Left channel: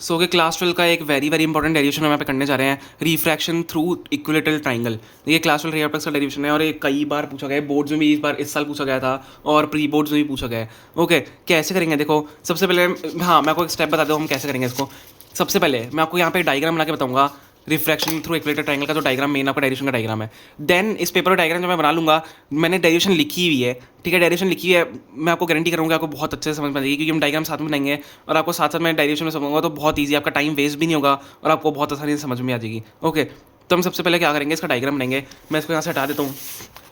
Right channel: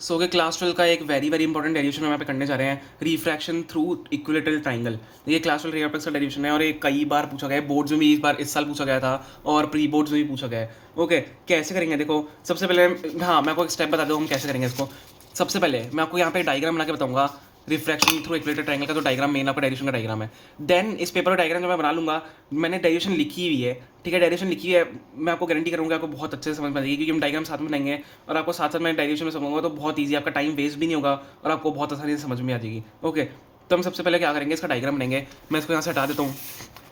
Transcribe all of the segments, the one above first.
सो कि क्लास 12 का एक वेरी वेरी इंपॉर्टेंट डेरिवेशन हम यहाँ पे करने जा रहे हैं, रिफ्रैक्शन थ्रू इक्विलेटरल ट्राइंगल। ये क्लास 12 रियल का डेरिवेशन है और ये कई बार पूछा गया है, बोर्ड्स में भी इस साल पूछा गया था और प्री बोर्ड्स में भी पूछा गया है। ओके, कैसे करेंगे देखो। सबसे पहले हाँ, मैं आपको एक स्टेप बता दूँ हम कैसे करेंगे इसको। सबसे पहले मैं आपको यहाँ पे डायग्राम बना के बताऊंगा रिफ्रैक्शन थ्रू इक्विलेटरल ट्राइंगल का, जो डायग्राम मेन आपका डेरिवेशन का डायग्राम है। देन इस पेपर का डायग्राम जो मैं बना लूँगा, मैंने डेरिवेशन लिखी हुई है, ठीक है, डेरिवेशन लिखी है। मैं आपको गारंटी करूँगा आपको बहुत अच्छे से समझ में आएगी, क्योंकि हम डायग्राम साथ में बनाएंगे और आपको साथ साथ मैं डेरिवेशन में समझूंगा, तो बहुत ईजी, आपका टाइम वेस्ट भी नहीं होगा और आपको बहुत आसानी से समझ में आ जाएगी। ओके, तो हम सबसे पहले क्या करेंगे, इसका डायग्राम बनाएंगे। मैं इसको यहाँ से हटा देता हूँ,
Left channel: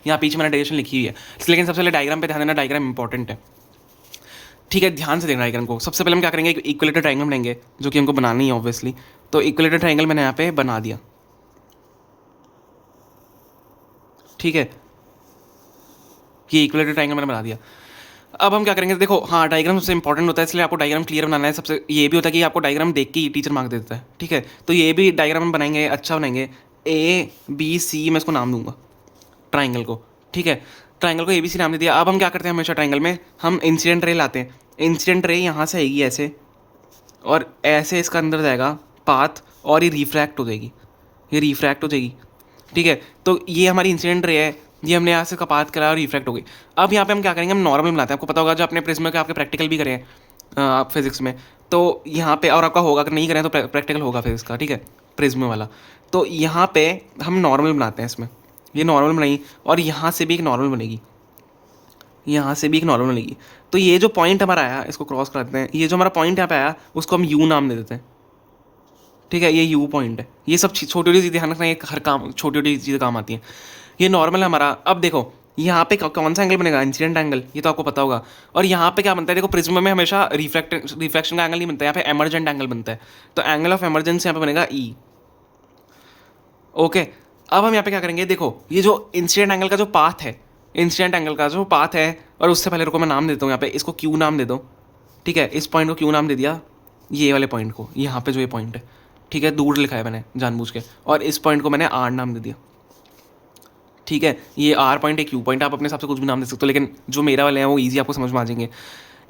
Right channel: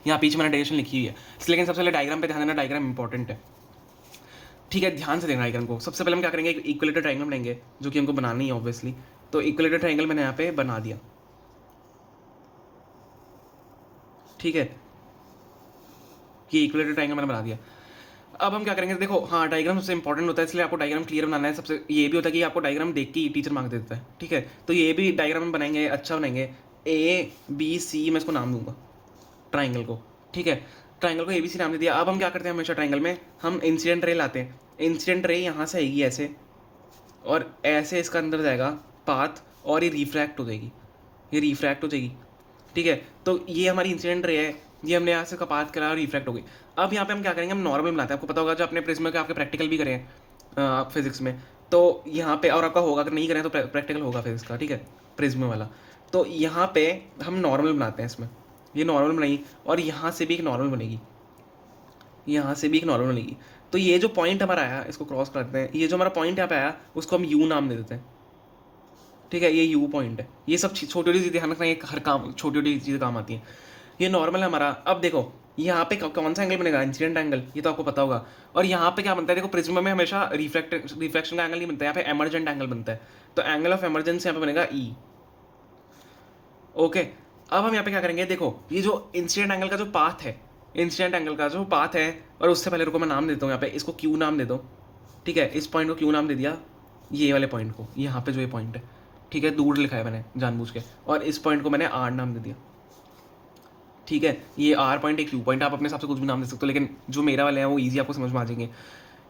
यहाँ पीछे मैंने डेरिवेशन लिखी हुई है, लेकिन सबसे पहले डायग्राम पे ध्यान देना, डायग्राम इंपॉर्टेंट है, ठीक है, ध्यान से देखना डायग्राम को। सबसे पहले हम क्या करेंगे, एक इक्विलेटर ट्राइंगल बनाएंगे, जो कि हमको बनानी है ऑब्वियसली। तो इक्विलेटर ट्राइंगल मैंने यहाँ पे बना दिया, ठीक है, ये इक्विलेटर ट्राइंगल मैंने बना दिया। अब हम क्या करेंगे, देखो हाँ, डायग्राम सबसे इंपॉर्टेंट होता है, इसलिए आपको डायग्राम क्लियर बनाना है। सबसे ये भी होता है कि आपको डायग्राम देख के ही टीचर मार्क दे देता है, ठीक है। तो ये भी डायग्राम हम बनाएंगे, अच्छा बनाएंगे। ए बी सी मैं इसको नाम दूंगा ट्राइंगल को, ठीक है। ट्राइंगल को ए बी सी नाम दे दिया। अब हम क्या करते हैं, हमेशा ट्राइंगल में हम इंसिडेंट रे लाते हैं। इंसिडेंट रे यहाँ से आएगी ऐसे, और ऐसे इसका अंदर जाएगा पाथ, और ये रिफ्रैक्ट हो जाएगी, ये रिफ्रैक्ट हो जाएगी, ठीक है। तो ये हमारी इंसिडेंट रे है, ये हमने यहाँ से कपात करा और रिफ्रैक्ट हो गई। अब यहाँ पे हम क्या करेंगे, हम नॉर्मल बनाते हैं। आपको पता होगा, जो अपने प्रिज्म के आपके प्रैक्टिकल भी करें आप फिजिक्स में, तो यहाँ पे, और आपका होगा, अगर नहीं करें तो प्रैक्टिकल होगा फिजिक्स का, ठीक है, प्रिज्म वाला। तो यहाँ पे हम नॉर्मल बनाते हैं इसमें, ये नॉर्मल बनाई, और यहाँ से भी एक नॉर्मल बनेगी, यहाँ से भी एक नॉर्मल बनेगी। तो ये जो पॉइंट हमारा आया, इसको क्रॉस कर देते हैं, ये जो हमारा पॉइंट यहाँ पे आया उसको हम यू नाम दे देते हैं, ठीक है, ये यू पॉइंट है। ये सब छोटी छोटी चीज़ें ध्यान रखना, ये हर काम छोटी छोटी चीज़ें काम आती हैं। ये नॉर्मल है हमारा। अब देखो यहाँ पे कौन सा एंगल बनेगा, इंसिडेंट एंगल, ये तो आपको पता होगा। और यहाँ पे क्या बनता है, देखो प्रिज्म में हमेशा रिफ्लेक्शन का एंगल नहीं बनता है, यहाँ पे एमरजेंट एंगल बनता है। तो एंगल ऑफ एमरजेंस यहाँ पे बनेगा ई। ओके, अब हम यहाँ पे क्या करेंगे, देखो ये जो इंसिडेंट एंगल का जो पाथ है, इंसिडेंट एंगल का जो पाथ है, और उससे पहले रुको मैं नाम देता हूँ यहाँ पे, इसको क्यू नाम दे दो, ठीक है, इस पॉइंट को क्यू नाम दे दिया, ये वाले पॉइंट को, यहाँ पे जो ये पॉइंट है, ठीक है, दूर लिखा है मैंने जानबूझ के, और इस पॉइंट को मैंने आर नाम दे दिया, ठीक है। ये आर पॉइंट है, क्यू पॉइंट, आप अपने हिसाब से कुछ भी नाम दे सकते हो, लेकिन जो मेरा वाले हैं वो ईजी आपको समझ में आ जाएंगे।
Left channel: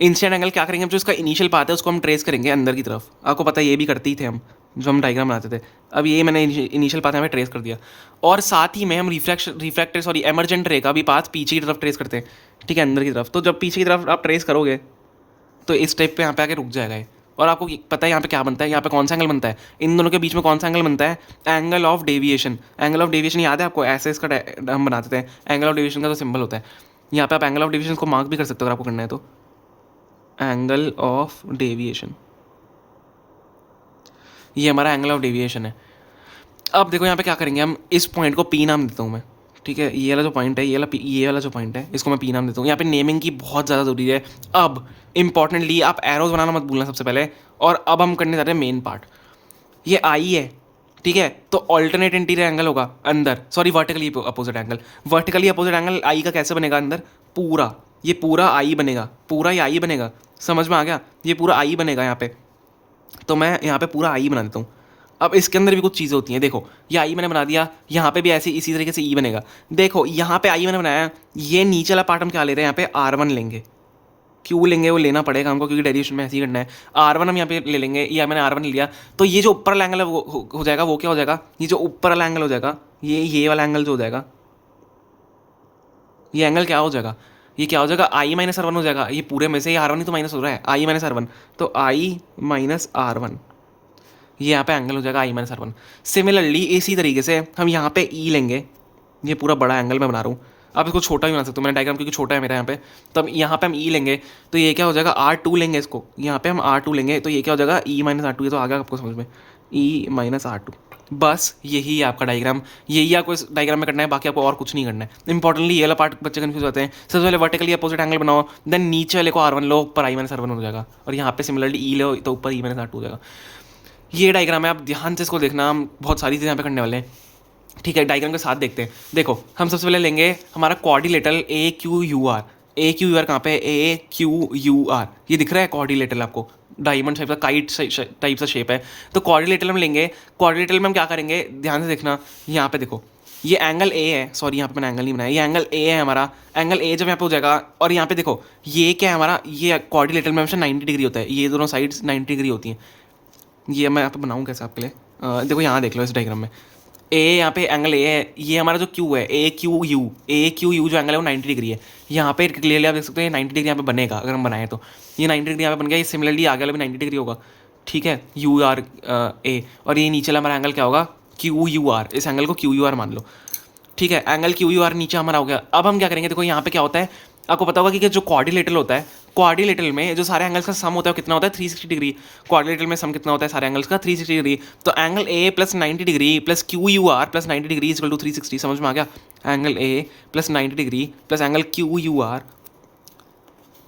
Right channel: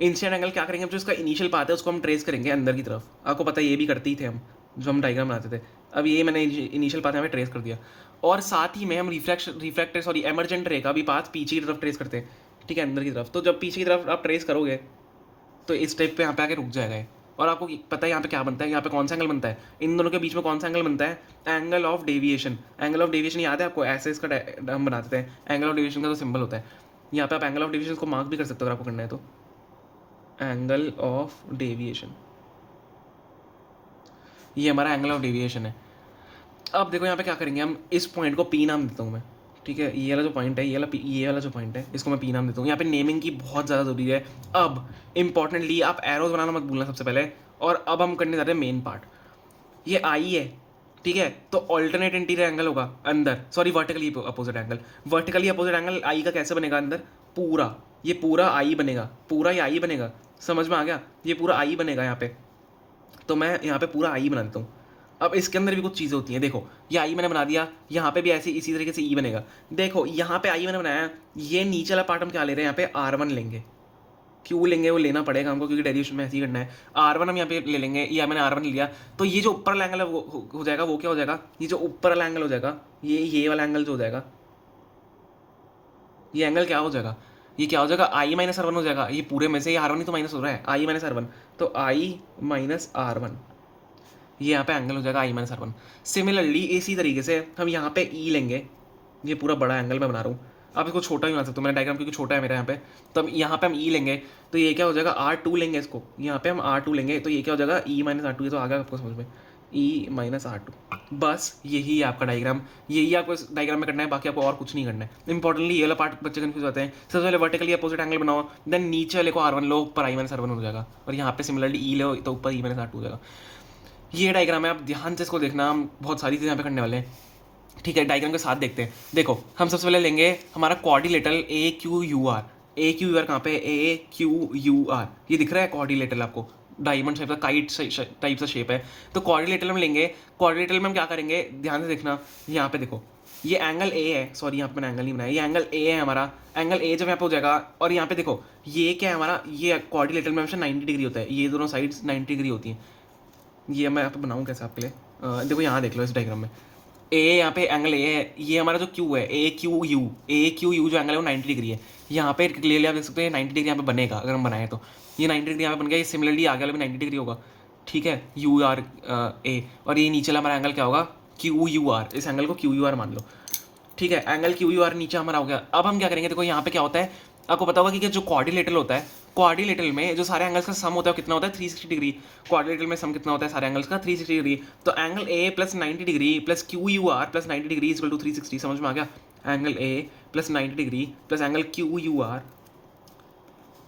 इंसिडेंट एंगल क्या करेंगे, जो इसका इनिशियल पाथ है उसको हम ट्रेस करेंगे अंदर की तरफ। आपको पता है, ये भी करते ही थे हम, जो हम डायग्राम बनाते थे। अब ये मैंने इनिशियल पाथ हमें ट्रेस कर दिया, और साथ ही में हम रिफ्रैक्टर सॉरी एमरजेंट रे का भी पाथ पीछे की तरफ ट्रेस करते हैं, ठीक है, अंदर की तरफ। तो जब पीछे की तरफ आप ट्रेस करोगे, तो इस स्टेप पे यहाँ पे आके रुक जाएगा ये। और आपको पता है यहाँ पे क्या बनता है, यहाँ पे कौन सा एंगल बनता है, इन दोनों के बीच में कौन सा एंगल बनता है, angle of deviation. Angle of deviation याद है आपको, ऐसे इसका हम बनाते थे, एंगल ऑफ डेविएशन का जो सिंबल होता है। यहाँ पे आप एंगल ऑफ डेविएशन को मार्क भी कर सकते हो अगर आपको करना है तो, एंगल ऑफ डेविएशन, ये हमारा एंगल ऑफ डेविएशन है। अब देखो यहाँ पे क्या करेंगे, हम इस पॉइंट को पी नाम देता हूँ मैं, ठीक है, ये वाला जो पॉइंट है, ये वाला जो पॉइंट है, इसको मैं पी नाम देता हूँ। यहाँ पे नेमिंग की बहुत ज़्यादा जरूरी है। अब इंपॉर्टेंटली आप एरोज बनाना मत भूलना सबसे पहले। और अब हम करने जा रहे हैं मेन पार्ट, ये आई है, ठीक है। तो ऑल्टरनेट इंटीरियर एंगल होगा अंदर, sorry vertically opposite angle. Vertically opposite angle I का कैसे बनेगा अंदर, पूरा, ये पूरा आई बनेगा, पूरा ये आई बनेगा, समझ में आ गया, ये पूरा आई बनेगा यहाँ पे। तो मैं यहाँ पे पूरा आई बना देता हूँ। अब इसके अंदर भी कुछ चीज़ें होती हैं, देखो ये आई मैंने बना दिया, यहाँ पे भी ऐसे इसी तरीके से ई बनेगा। देखो यहाँ पे आई मैंने बनाया, ये नीचे वाला पार्ट हम क्या ले रहे हैं, यहाँ पे R1 लेंगे। क्यों लेंगे, वो लेना पड़ेगा हमको, क्योंकि डेरिवेशन में ऐसे ही करना है। R1 हम यहाँ पे ले लेंगे, या मैंने R1 लिया, तो ये जो ऊपर वाला एंगल है वो हो जाएगा, वो क्या हो जाएगा, ये जो ऊपर वाला एंगल हो जाएगा, ये वाला एंगल जो हो जाएगा, ये एंगल क्या हो जाएगा, ये क्या हो जाएगा, I-R1 हो जाएगा। ये पूरे में से ये R1 ही तो माइनस हो रहा है, I-R1, तो I-R1, ये यहाँ पे एंगल हो जाएगा I-R1। सिमिलरली इसी तरीके से हम यहाँ पे ई लेंगे, ये पूरा बड़ा एंगल मैं बना रहा हूँ, आप इसको छोटा भी बना सकते हो, मैंने डायग्राम क्योंकि छोटा है मेरा यहाँ पे। तब यहाँ पे हम ई लेंगे, तो ये क्या हो जाएगा, R2 लेंगे, इसको यहाँ पे हम R2 लेंगे, तो ये क्या हो जाएगा, E-R2। ये तो आ गया आपको समझ में, E-R2। बस यही है आपका डायग्राम, यही आपको इस डायग्राम में करना है, बाकी आपको और कुछ नहीं करना है। इंपॉर्टेंटली ये वाला पार्ट बच्चे कन्फ्यूज होते हैं। सबसे पहले वर्टिकली अपोजिट एंगल बनाओ, देन नीचे वाले को R1 लो, ऊपर I-R1 हो जाएगा, और यहाँ पे सिमिलरली ई लो, तो ऊपर E-R2 हो जाएगा। ये डायग्राम है, आप ध्यान से इसको देखना, हम बहुत सारी चीज़ें यहाँ पे करने वाले हैं, ठीक है। डायग्राम के साथ देखते हैं। देखो हम सबसे पहले लेंगे हमारा क्वाड्रिलेटरल AQUR। AQUR कहाँ पे, AQUR, ये दिख रहा है क्वाड्रिलेटरल आपको, डायमंड शेप का, काइट टाइप सा शेप है। तो क्वाड्रिलेटरल में लेंगे, क्वाड्रिलेटरल में हम क्या करेंगे, ध्यान से देखना, यहाँ पे देखो ये एंगल ए है, सॉरी यहाँ पे मैंने एंगल नहीं बनाया, ये एंगल ए है हमारा। एंगल ए जब यहाँ पे हो जाएगा, और यहाँ पे देखो ये क्या है हमारा, ये क्वाड्रिलेटरल में हमेशा 90 डिग्री होता है, ये दोनों साइड्स 90 डिग्री होती हैं, ये मैं आपको बनाऊँ कैसे आपके लिए, देखो यहाँ देख लो इस डायग्राम में, ए यहाँ पे एंगल ए है, ये हमारा जो क्यू है ए क्यू यू जो एंगल है वो 90 डिग्री है। यहाँ पे क्लियरली आप देख सकते हैं 90 डिग्री यहाँ पे बनेगा अगर हम बनाएं तो, ये 90 डिग्री यहाँ पे बन गया, ये सिमिलरली आगे वाला भी 90 डिग्री होगा, ठीक है, यू आर ए, और ये नीचे वाला हमारा एंगल क्या होगा, क्यू यू आर, इस एंगल को क्यू यू आर मान लो, ठीक है, एंगल क्यू यू आर नीचे हमारा हो गया। अब हम क्या करेंगे, देखो यहाँ पे क्या होता है, आपको पता होगा कि जो क्वाड्रिलेटरल होता है, क्वाड्रिलेटरल में जो सारे एंगल्स का सम होता है वो कितना होता है 360 डिग्री, क्वाड्रिलेटरल में सम कितना होता है सारे एंगल्स का 360 डिग्री, तो angle A plus 90 degree plus Q U R plus 90 degree equal to 360, समझ में आ गया, angle A plus 90 degree plus angle Q U R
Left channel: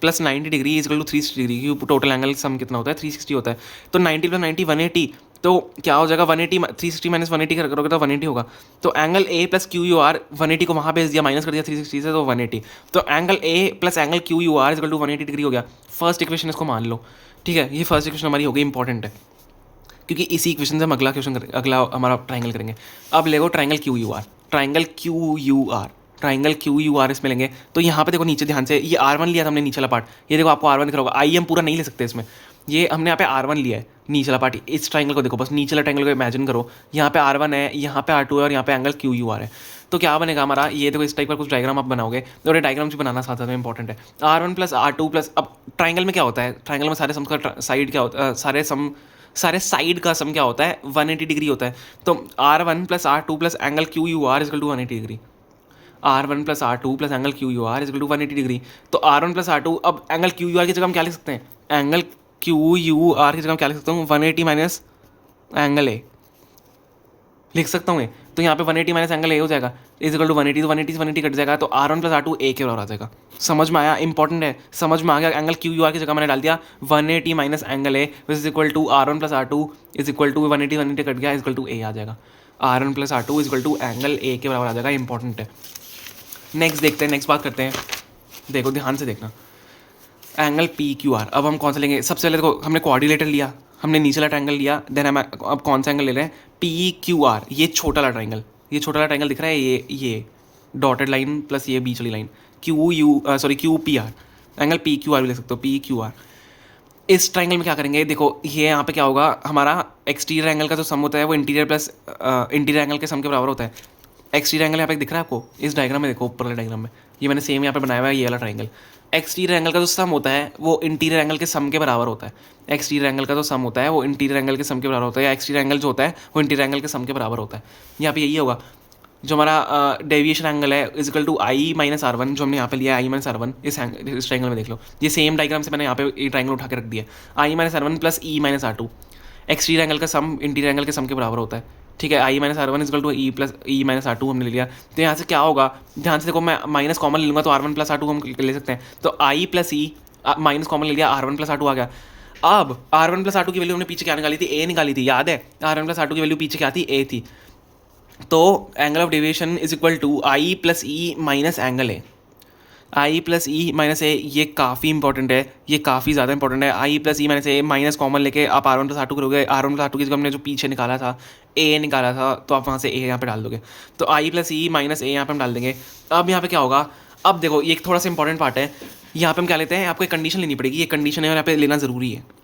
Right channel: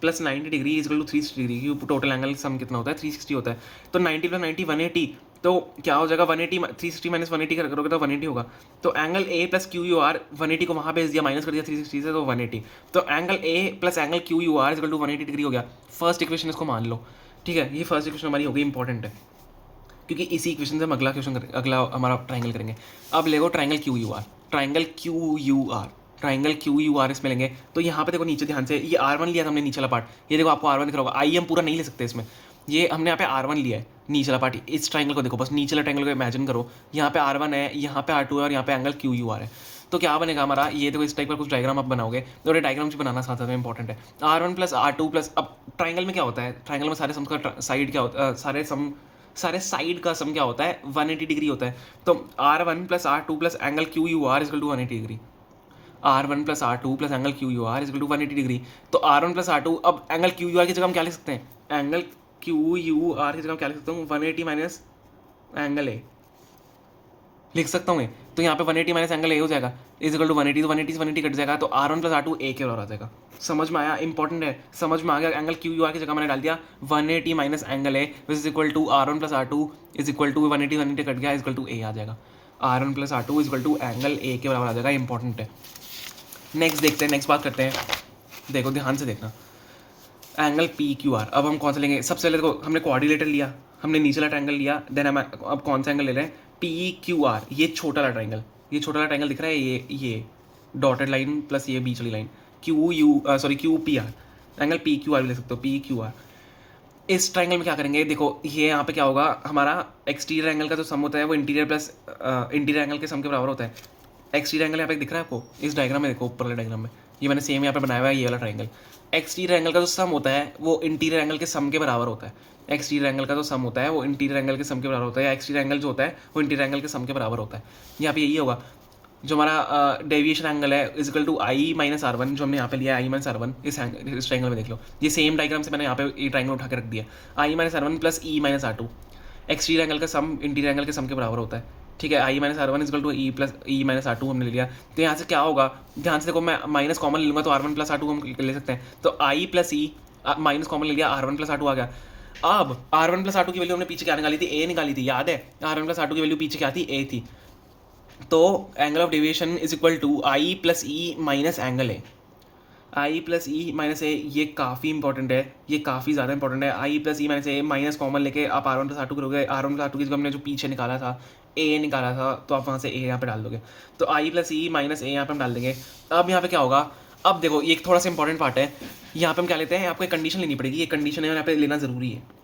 plus 90 degree equal to 360 degree, क्योंकि टोटल एंगल सम कितना होता है 360 होता है, तो 90 प्लस 90 180, तो क्या हो जाएगा 180, 360 माइनस 180 करोगे तो 180 होगा, तो angle A plus Q U R 180 को वहाँ भेज दिया, माइनस कर दिया 360 से, तो 180, तो angle A plus angle Q U R equal to 180 degree हो गया। फर्स्ट इक्वेशन इसको मान लो, ठीक है, ये फर्स्ट इक्वेशन हमारी हो गई, इंपॉर्टेंट है, क्योंकि इसी इक्वेशन से हम अगला क्वेश्चन अगला हमारा ट्राइंगल करेंगे। अब लेगो triangle Q U R, triangle Q U R, triangle Q U R इसमें लेंगे, तो यहाँ पे देखो नीचे ध्यान से, ये R1 लिया था हमने नीचे वाला पार्ट, ये देखो आपको R1 दिख रहा होगा, आई हम पूरा नहीं ले सकते इसमें, ये हमने यहाँ पे R1 लिया है नीचे वाला पार्ट, इस ट्राइंगल को देखो, बस नीचे वाला ट्राइंगल को इमेजिन करो, यहाँ पे R1 है, यहाँ पे R2 है, और यहाँ पे एंगल क्यू यू आर है, तो क्या बनेगा हमारा, ये देखो इस टाइप का कुछ डायग्राम आप बनाओगे, और ये डायग्राम भी बनाना साथ साथ में इंपॉर्टेंट है, R1 प्लस R2 प्लस, अब ट्राइंगल में क्या होता है, ट्राइंगल में सारे सम का साइड क्या होता है, सारे साइड का सम क्या होता है 180 डिग्री होता है, तो R1 plus R2 plus angle Q U R equal to 180 degree, R1 plus R2 plus angle Q U R equal to 180 degree, तो R1 प्लस R2, अब एंगल क्यू यू आर की जगह हम क्या लिख सकते हैं, एंगल क्यू यू आर की जगह हम क्या लिख सकता हूँ 180 माइनस एंगल ए लिख सकता हूँ, तो यहाँ पे 180 माइनस एंगल ए हो जाएगा इज इक्वल टू 180, तो 180 से 180 कट जाएगा, तो R1 प्लस R2 ए के बराबर आ जाएगा। समझ में आया, इंपॉर्टेंट है, समझ में आ गया, एंगल क्यू यू आर की जगह मैंने डाल दिया 180 minus angle A is equal to R1 plus R2 is equal to 180 cut गया इज इक्वल टू ए आ जाएगा, R1 plus R2 is equal to angle A के बराबर आ जाएगा, इंपॉर्टेंट है। नेक्स्ट देखते हैं, नेक्स्ट बात करते हैं, देखो ध्यान से देखना, एंगल पी क्यू आर, अब हम कौन सा लेंगे, सबसे पहले देखो हमने क्वाड्रिलेटर लिया, हमने नीचे वाला ट्रायंगल लिया, देन हम अब कौन सा एंगल ले रहे हैं, पी क्यू आर, ये छोटा वाला ट्रायंगल, ये छोटा वाला ट्रायंगल दिख रहा है, ये डॉटेड लाइन प्लस ये बीच वाली line, Q P R, angle P Q R भी ले सकते हो, पी क्यू आर। इस ट्रायंगल में क्या करेंगे, देखो ये यहाँ पे क्या होगा, हमारा एक्सटीरियर एंगल का जो सम होता है वो इंटीरियर प्लस इंटीरियर एंगल के सम के बराबर होता है। एक्सटीरियर एंगल यहाँ पे दिख रहा है आपको, इस डायग्राम में देखो, ऊपर वाले डायग्राम में, ये मैंने सेम यहाँ पे बनाया हुआ है, ये वाला ट्रायंगल, एक्सटीरियर एंगल का जो सम होता है वो इंटीरियर एंगल के सम के बराबर होता है, एक्सटीरियर एंगल का जो सम होता है वो इंटीरियर एंगल के सम के बराबर होता है, या एक्सटीरियर एंगल जो होता है वो इंटीरियर एंगल के सम के बराबर होता है। यहाँ पे यही होगा, जो हमारा डेविएशन एंगल है is equal to I minus R1, जो हमने यहाँ पे लिया है आई माइनस R1, इस ट्रायंगल में देख लो, ये सेम डायग्राम से मैंने यहाँ पे ये ट्रायंगल उठा के रख दिया, आई minus R1 plus E minus R2, exterior angle का सम इंटीरियर एंगल के सम के बराबर होता है, ठीक है, I minus R1 is equal to E plus E minus R2 हमने ले लिया, तो यहाँ से क्या होगा, ध्यान से देखो, मैं माइनस कॉमन लूँगा तो R1 प्लस R2 हम ले सकते हैं, तो आई प्लस ई माइनस कॉमन ले लिया, R1 प्लस R2 आ गया। अब R1 प्लस R2 की वैल्यू हमने पीछे क्या निकाली थी, ए निकाली थी, याद है, R1 प्लस R2 की वैल्यू पीछे क्या थी, ए थी, तो angle of deviation is equal to I plus E minus angle A, I plus E minus A, ये काफ़ी इंपॉर्टेंट है, ये काफ़ी ज़्यादा इंपॉर्टेंट है, I plus E minus A, minus common लेके आप R1 प्लस R2 करोगे, R1 प्लस R2 की जगह हमने जो पीछे निकाला था ए निकाला था, तो आप वहाँ से ए यहाँ पे डाल दोगे, तो आई प्लस ई माइनस ए यहाँ पे हम डाल देंगे। अब यहाँ पे क्या होगा, अब देखो ये थोड़ा सा इंपॉर्टेंट पार्ट है, यहाँ पे हम क्या लेते हैं, आपको एक कंडीशन लेनी पड़ेगी, ये कंडीशन है और यहाँ पे लेना ज़रूरी है।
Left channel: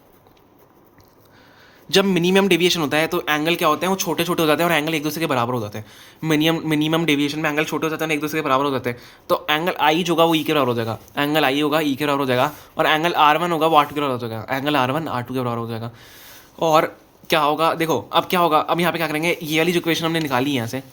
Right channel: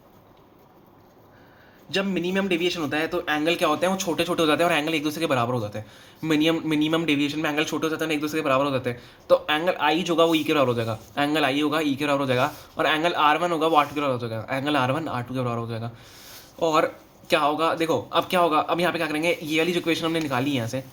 जब मिनिमम डेविएशन होता है तो एंगल क्या होते हैं, वो छोटे छोटे हो जाते हैं और एंगल एक दूसरे के बराबर हो जाते हैं। मिनिमम डेविएशन में एंगल छोटे हो जाते हैं, एक दूसरे के बराबर हो जाते हैं, तो एंगल आई जो होगा वो ई के बराबर हो जाएगा, एंगल आई होगा ई के बराबर हो जाएगा, और एंगल R1 होगा वो R2 के बराबर हो जाएगा, एंगल R1 R2 के बराबर हो जाएगा। और क्या होगा, देखो अब क्या होगा, अब यहाँ पे क्या करेंगे, ये वाली जो इक्वेशन हमने निकाली है यहाँ से,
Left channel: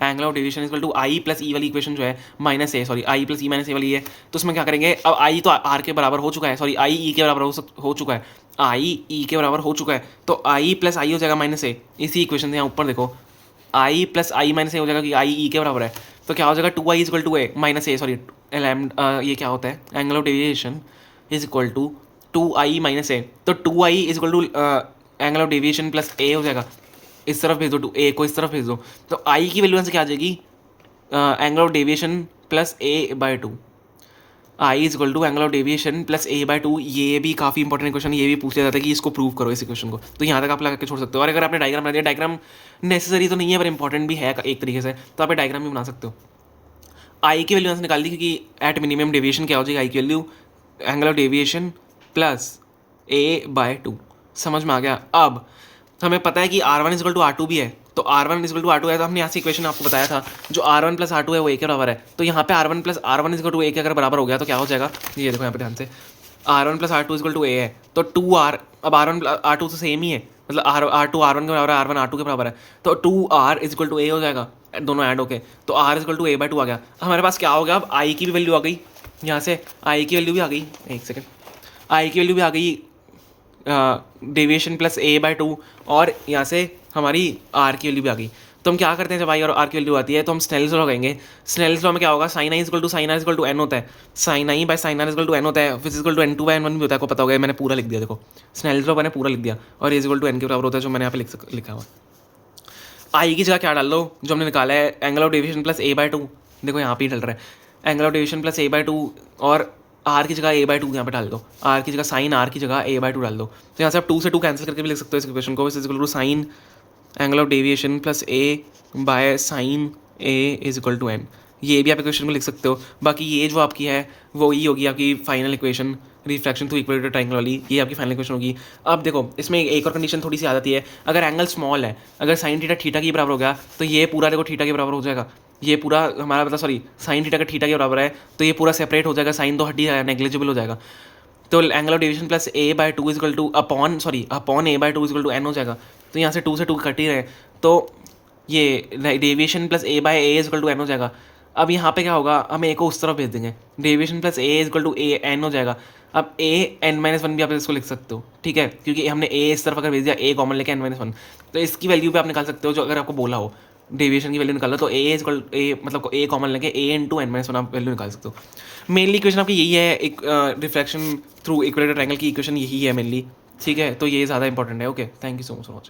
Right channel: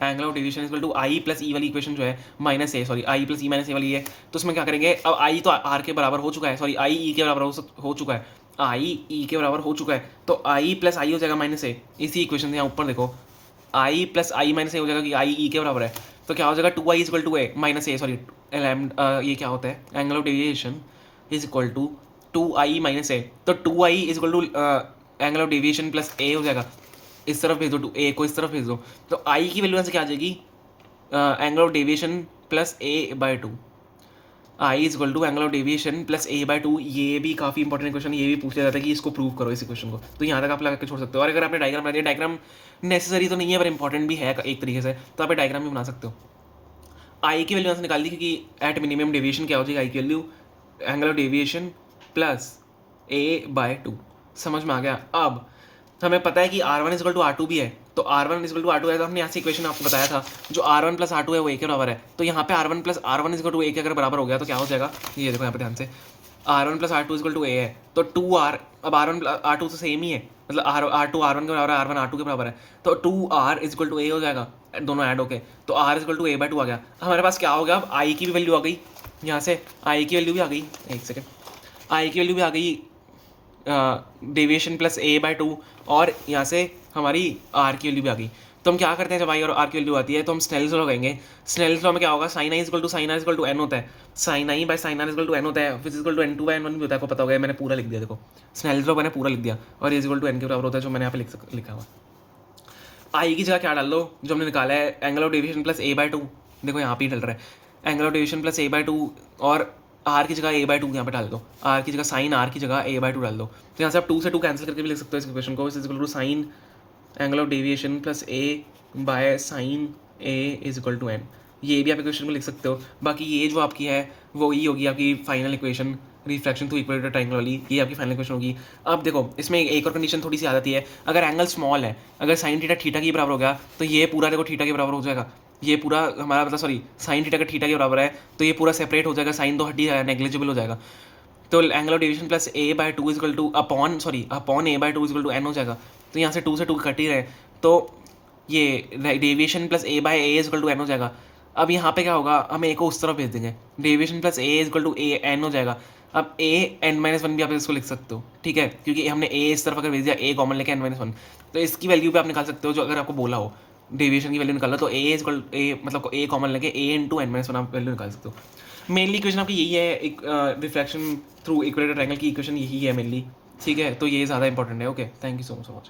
angle of deviation equal to I plus E वाली इक्वेशन जो है minus A, sorry I plus E minus A वाली है, तो उसमें क्या करेंगे, अब आई तो आर के बराबर हो चुका है, सॉरी आई ई के बराबर हो चुका है, आई ई के बराबर हो चुका है, तो आई प्लस आई हो जाएगा माइनस ए, इसी इक्वेशन से यहाँ ऊपर देखो आई प्लस आई माइनस ए हो जाएगा कि आई ई के बराबर है, तो क्या हो जाएगा 2i equal to A minus A, sorry ये क्या होता है, angle of deviation is equal to 2i minus A, तो 2i is equal to angle of deviation plus A हो जाएगा, इस तरफ भेज दो, टू ए को इस तरफ भेज दो, तो आई की वैल्यू से क्या आ जाएगी, angle of deviation plus A by two, I is equal to angle of deviation plus A by two. ये भी काफ़ी इंपॉर्टेंट क्वेश्चन, ये भी पूछा जाता है कि इसको प्रूव करो इस इक्वेशन को, तो यहाँ तक आप लगा के छोड़ सकते हो। और अगर आपने डायग्राम बना दिया, डायग्राम नेसेसरी तो नहीं है पर इंपॉर्टेंट भी है एक तरीके से, तो आप डायग्राम भी बना सकते हो। आई की वैल्यू से निकाल दी, क्योंकि एट मिनिमम डेविएशन क्या हो जाएगी, आई की value angle of deviation plus A by to, समझ में आ गया। अब हमें पता है कि R1 is equal to R2 भी है, तो R1 is equal to R2 है, तो हमने यहाँ से इक्वेशन आपको बताया था जो R1 प्लस R2 है वो ए के बराबर है, तो यहाँ पे R1 plus R1 is equal to A के अगर बराबर हो गया तो क्या हो जाएगा, ये देखो यहाँ पे ध्यान से, R1 plus R2 is equal to A है, तो 2R, अब R1 R2 तो सेम ही है, मतलब R2 R1 के बराबर है, R1 R2 के बराबर है, तो 2R इज इक्वल टू ए हो जाएगा, दोनों ऐड होके, तो R is equal to A/2 आ गया। हमारे पास क्या हो गया, अब I की भी वैल्यू आ गई, यहाँ से I की वैल्यू भी आ गई, एक सेकेंड, I की वैल्यू भी आ गई, डेविएशन प्लस A/2, और यहाँ से हमारी R की वैल्यू भी आ गई। तो हम क्या करते हैं, जब I और R की वैल्यू आती है तो हम स्नेल्स लॉ लगाएंगे। स्नेल्स लॉ में क्या होगा, sine I equal to sine R equal to N होता है, sine I by sine R equal to N होता है, फिर equal to N2 bye N1 भी होता है, आपको पता होगा, मैंने पूरा लिख दिया, देखो स्नेल्स लॉ मैंने पूरा लिख दिया, और ये इक्वल टू एन के बराबर होता है, जो मैंने यहाँ पे लिखा हुआ। आई की जगह क्या डाल लो, जो हमने निकाला है angle of deviation plus A/2, देखो यहाँ पे ही डल रहा है angle of deviation plus A/2, और आर की जगह A/2 यहाँ पे डाल दो, आर की जगह साइन आर की जगह A/2 डाल दो, तो यहाँ से आप 2 से 2 कैंसिल करके भी लिख सकते हो इस इक्वेशन को, is equal to sine angle of deviation plus A by sine A is equal to N, ये भी आप इक्वेशन में लिख सकते हो। बाकी ये जो आपकी है वो ही होगी आपकी final equation, reflection through equator triangle वाली, ये आपकी फाइनल इक्वेशन होगी। अब देखो इसमें एक और कंडीशन थोड़ी सी आ जाती है, अगर एंगल स्मॉल है, अगर साइन थीटा थीटा के बराबर हो गया तो ये पूरा देखो थीटा के बराबर हो जाएगा, ये पूरा हमारा मतलब सॉरी साइन थीटा का थीटा के बराबर है, तो ये पूरा सेपरेट हो जाएगा, साइन तो हट ही जाएगा, नेग्लिजिबल हो जाएगा, तो angle of deviation plus A/2 equal to upon A/2 equal to N हो जाएगा, तो यहाँ से 2 से 2 कट ही रहे, तो ये deviation plus A/A equal to N हो जाएगा। अब यहाँ पे क्या होगा, हम ए को उस तरफ भेज देंगे, deviation plus A equal to A N हो जाएगा। अब A(n-1) भी आप इसको लिख सकते हो, ठीक है, क्योंकि हमने A इस तरफ अगर भेज दिया, A कॉमन लेके n-1, तो इसकी वैल्यू भी आप निकाल सकते हो, जो अगर आपको बोला हो डेविएशन की वैल्यू निकालना, तो A इक्वल A मतलब A कॉमन लेके A इंटू n-1 आप वैल्यू निकाल सकते हो। मेनली इक्वेशन आपकी यही है, एक रिफ्लेक्शन थ्रू इक्वेटर ट्रायंगल की इक्वेशन यही है मेनली, ठीक है, तो ये ज़्यादा इंपॉर्टेंट है। Okay, thank you so much for watching.